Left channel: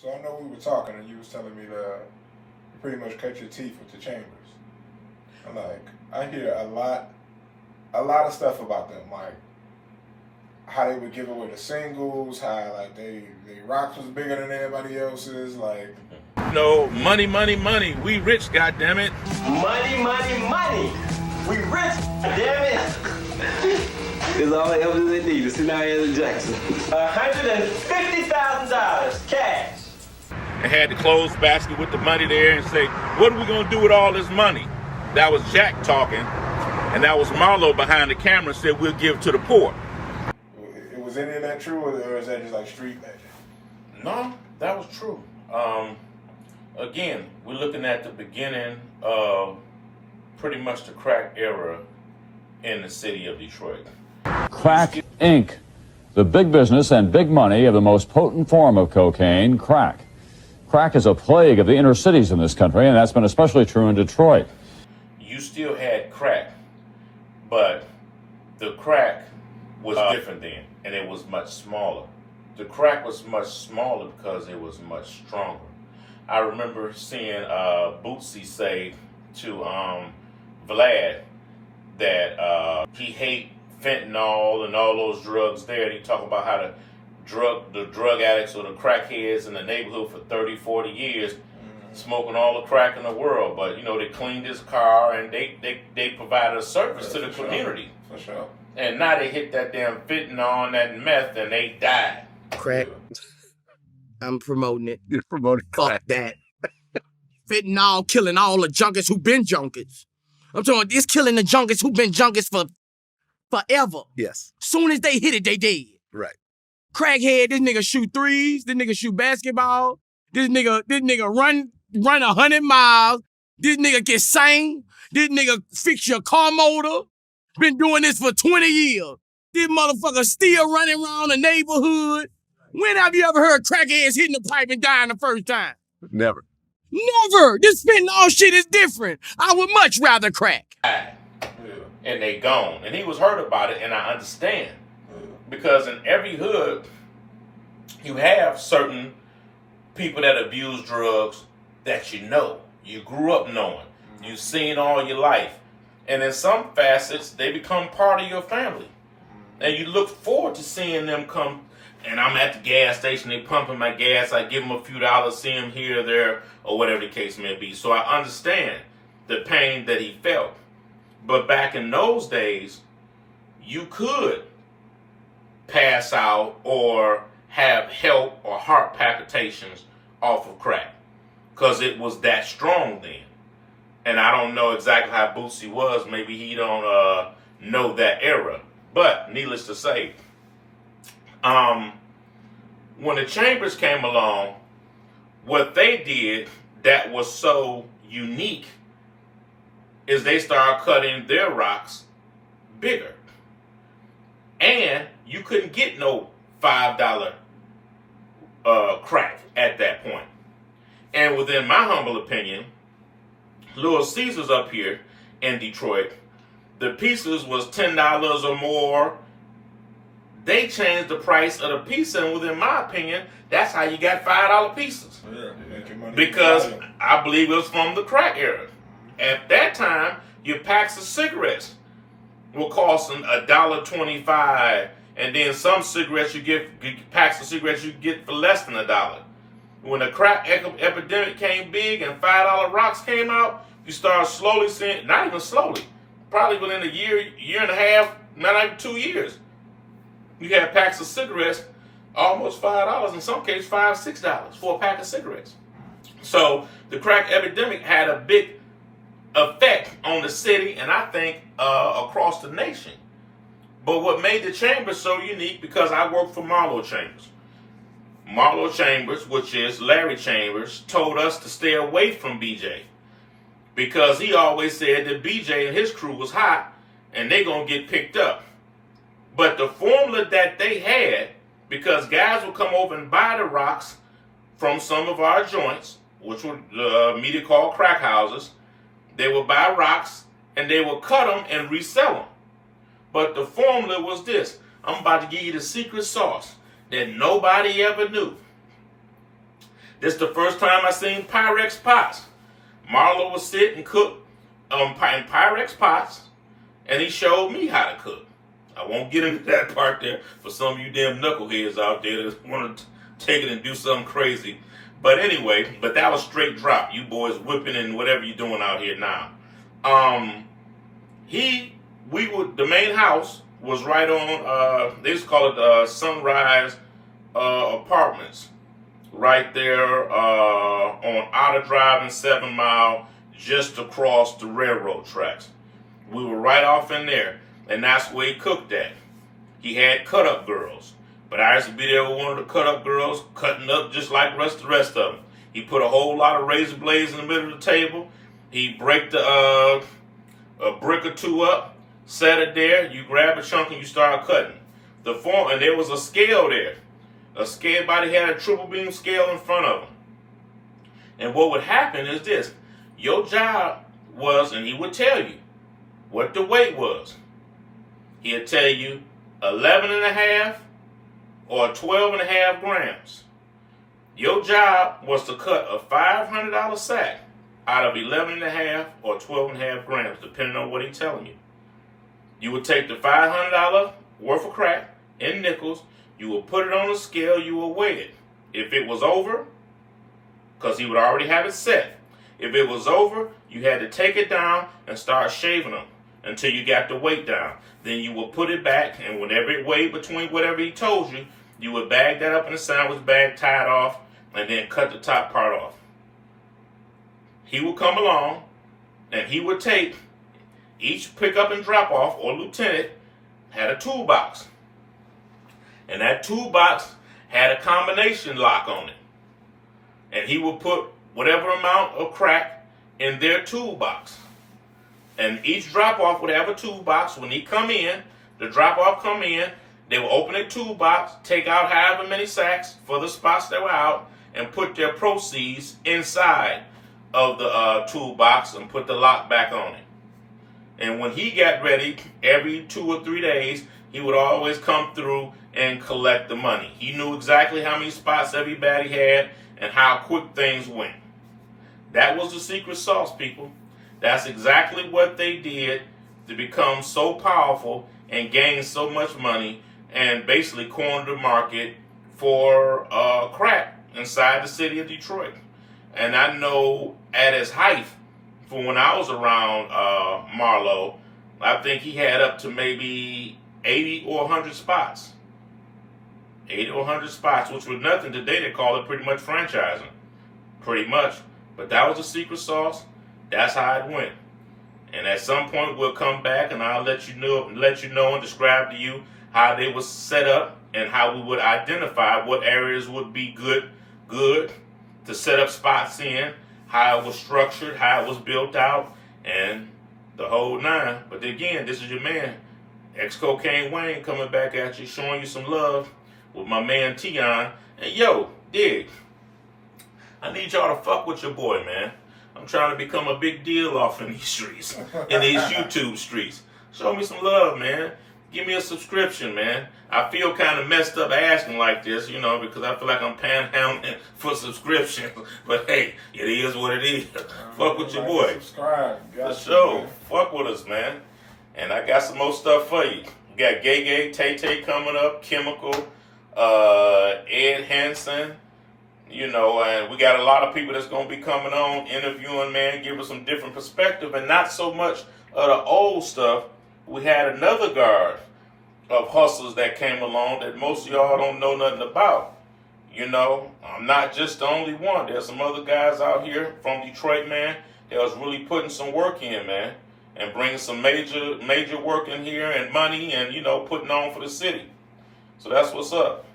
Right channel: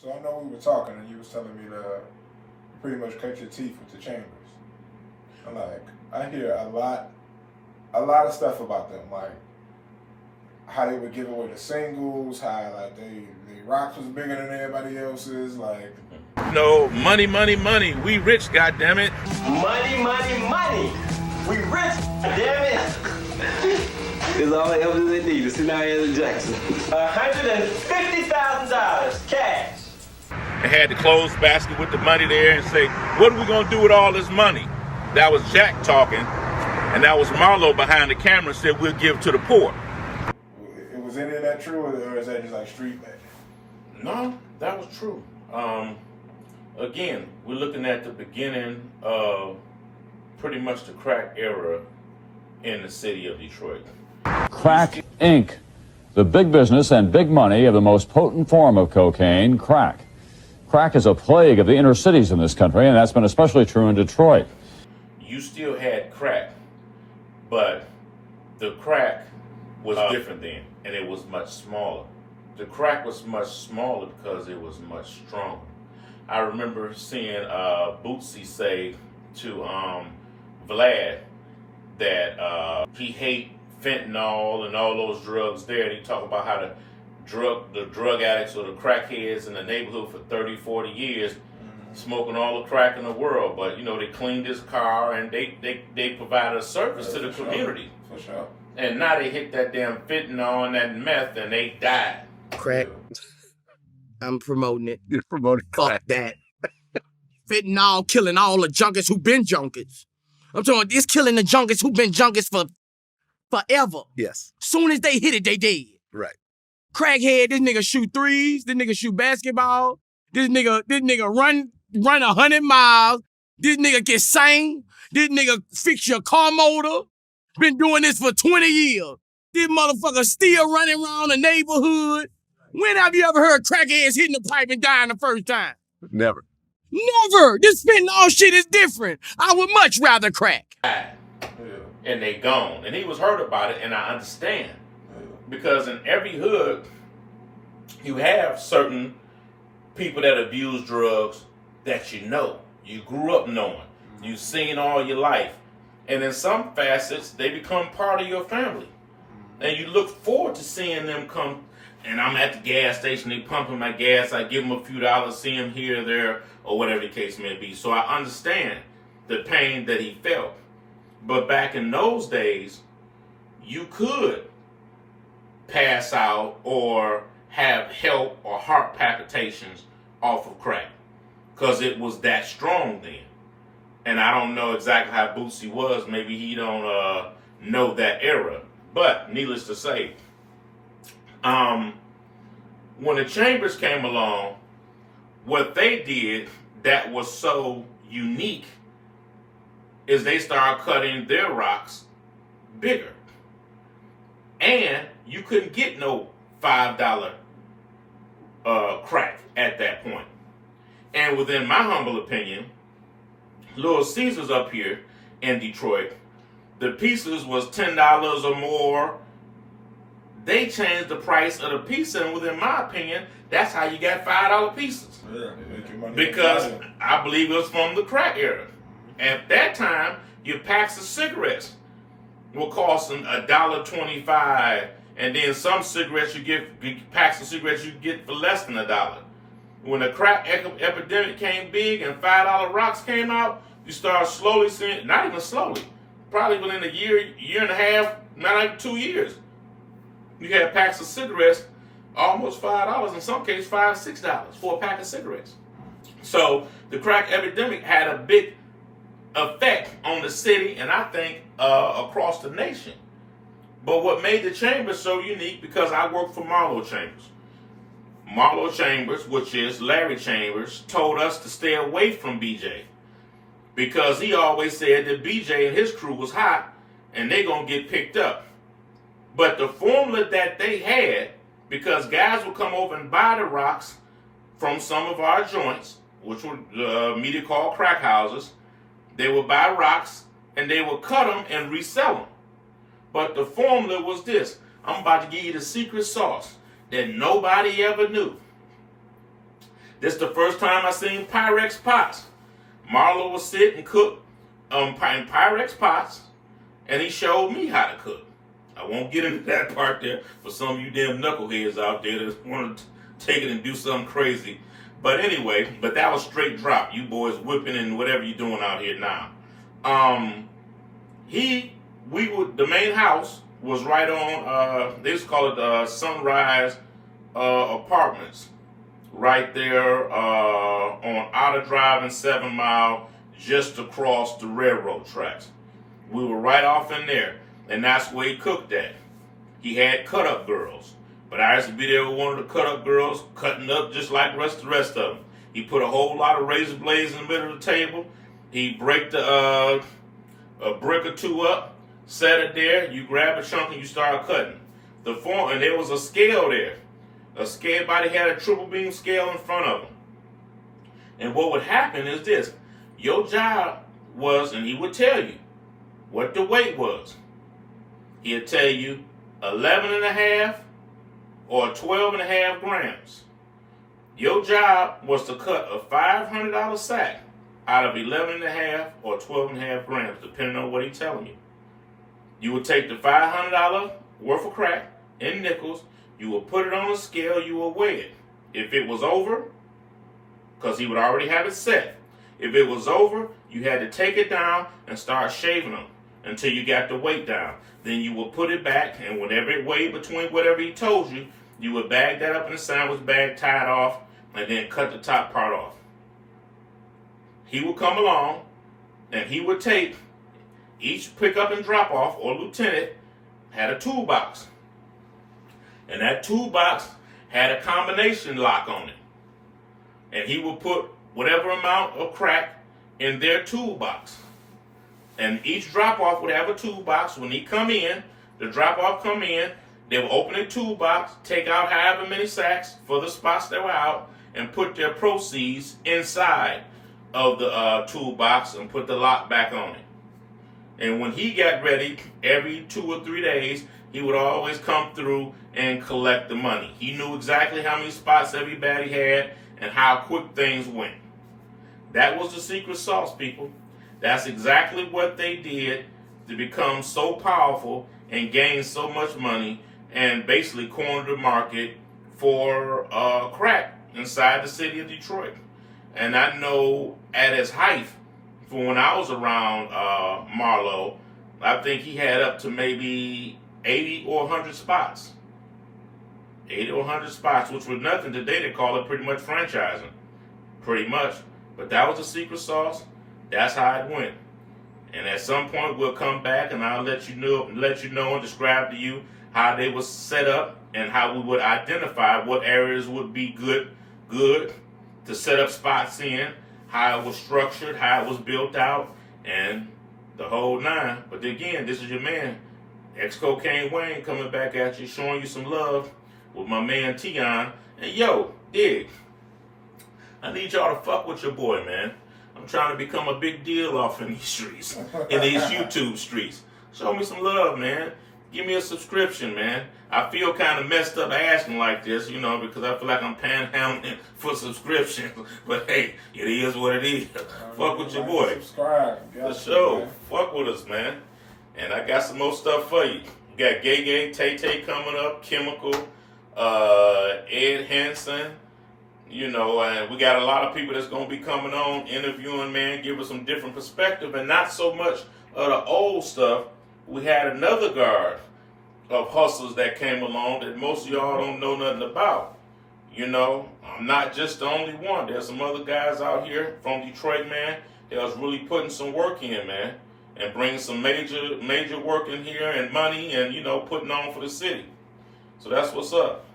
So I know we were talking and you was telling me to pretty much cut your teeth with the Chambers. I'm like, I hear a lot of stuff about them, like how they would give away the singles, how like they rocks was bigger than everybody else's, like. No, money, money, money. We rich, goddammit. Money, money, money. We rich, damn it. It's all the evidence they need to see now in Jackson. $150,000 cash. And had the clothes basket with the money there and say, what are we gonna do with all this money? That was Jack talking, and that was Marlow behind the camera said we'll give to the poor. Was any of that true, or is that just like street legend? No, that was true. Again, we're looking at the beginning of pretty much the crack era in the city of Detroit. Crack Inc., the big business and big money of the most potent form of cocaine, crack. Crack is a plague of the inner cities in this country, and that's been especially true in Detroit. You still had crack, but the crack was different then, and it was much smaller. The crack was much smaller because it was much stronger. I remember seeing Bootsy say to Vlad that he hate fentanyl and all those drugs there. And he talked about how the drug addicts or the crackheads in the neighborhood for 30, 40 years smoking all the crack in the world. But, you know, they cleaned his car and they provided a service to the community. For sure. And now they hit that damn fentanyl and that meth and they died. Crack. I'm promoting it. You're promoting Fuck that. Fentanyl killing all the junkies who been junkies. I'm talking, it's killing the junkies who been junkies for forever. Yes. Soon as they hit it, they dead. Right. Crackhead, this nigga shoot threes, this nigga shoot basketball, this nigga run 100 miles, this nigga get sane, this nigga fix your car motor, been doing this for 20 years. This motherfucker still running around the neighborhood. When have you ever heard crackheads hitting the pipe and dying the first time? Never. Never. This fentanyl shit is different. I would much rather crack. And they gone. And he was hurt about it, and I understand. Because in every hood, you have certain people that abuse drugs that you know. You grew up knowing. You've seen all your life. And in some facets, they become part of your family. And you look forward to seeing them come. And I'm at the gas station, they pumping my gas, I give them a few dollars, see them here or there, or whatever the case may be. So I understand the pain that he felt. But back in those days, you could pass out or have help or heart palpitations off of crack because it was that strong then. And I don't know exactly how Bootsy was. Maybe he don't know that era. But needless to say, when the Chambers came along, what they did that was so unique is they started cutting their rocks bigger. And you couldn't get no $5 crack at that point. And within my humble opinion, Little Caesars up here in Detroit, the pieces was $10 or more. They changed the price of the piece, and within my opinion, that's how you got $5 pieces. Yeah, they make your money. Because I believe it was from the crack era. At that time, your packs of cigarettes were costing $1.25, and then some cigarettes packs of cigarettes you get for less than $1. When the crack epidemic came big and $5 rocks came out, you started slowly seeing, not even slowly, probably within a year and a half, not even 2 years. You had packs of cigarettes, almost $5, in some cases $5, $6 for a pack of cigarettes. So the crack epidemic had a big effect on the city and I think across the nation. But what made the Chambers so unique, because I worked for Marlow Chambers. Marlow Chambers, which is Larry Chambers, told us to stay away from BJ because he always said that BJ and his crew was hot and they gonna get picked up. But the formula that they had, because guys would come over and buy the rocks from some of our joints, which were media called crack houses, they would buy rocks and they would cut them and resell them. But the formula was this. I'm about to give you the secret sauce that nobody ever knew. This is the first time I seen Pyrex pots. Marlow was sit and cook in Pyrex pots, and he showed me how to cook. I won't get into that part there for some of you damn knuckleheads out there that want to take it and do something crazy. But anyway, that was straight drop. You boys whipping and whatever you're doing out here now. The main house was right on, they just call it Sunrise Apartments. Right there on Outer Drive and 7 Mile, just across the railroad tracks. We were right off in there, and that's where he cooked at. He had cut-up girls, but I used to be there with one of the cut-up girls, cutting up just like the rest of them. He put a whole lot of razor blades in the middle of the table. He break a brick or two up, set it there. You grab a chunk and you start cutting. And there was a scale there. Everybody had a triple beam scale in front of them. And what would happen is this. Your job was, and he would tell you what the weight was. He'd tell you 11.5 or 12.5 grams. Your job was to cut a $500 sack out of 11.5 or 12.5 grams, depending on what he's telling you. You would take the $500 worth of crack in nickels, you would put it on a scale, you would weigh it. If it was over, because he would already have it set, if it was over, you had to take it down and start shaving them until you got the weight down. Then you would put it back, and whenever it weighed between whatever he told you, you would bag that up in a sandwich bag, tie it off, and then cut the top part off. He would come along, and he would take each pickup and drop off, or lieutenant had a toolbox. And that toolbox had a combination lock on it. And he would put whatever amount of crack in their toolbox. And each drop-off would have a toolbox. When he come in, the drop-off come in, they would open a toolbox, take out however many sacks for the spots that were out, and put their proceeds inside of the toolbox and put the lock back on it. And when he got ready, every 2 or 3 days, he would always come through and collect the money. He knew exactly how many spots everybody had and how quick things went. That was the secret sauce, people. That's exactly what they did to become so powerful and gain so much money and basically corner the market for crack inside the city of Detroit. And I know at his height, for when I was around Marlow, I think he had up to maybe 80 or 100 spots. 80 or 100 spots, which was nothing today. They call it pretty much franchising. Pretty much. But that was the secret sauce. That's how it went. And at some point, we'll come back and I'll let you know and describe to you how they was set up and how we would identify what areas would be good to set up spots in, how it was structured, how it was built out, and the whole nine. But again, this is your man, XCCocaine Wayne, coming back at you, showing you some love with my man Teon. And yo, dig, I need y'all to fuck with your boy, man. I'm trying to become a big deal off in these streets, in these YouTube streets. Show me some love, man. Give me a subscription, man. I feel kind of messed up asking like this, you know, because I feel like I'm panhandling for subscriptions. But hey, it is what it is. Fuck with your boy. Subscribe. For sure. Fuck with us, man. And I got some more stuff for you. We got Gay Tay coming up, Chemical, Ed Hansen. You know, and we got a lot of people that's going to be coming on, interviewing, man, give us some different perspective, and not so much of the old stuff. We had another guard of hustlers that came along that most of y'all don't know nothing about. You know, I'm not just the only one. There's some other guys out here from Detroit, man, that was really putting some work in, man, and bringing some major work in here and money and, you know, putting on for the city. So that's what's up.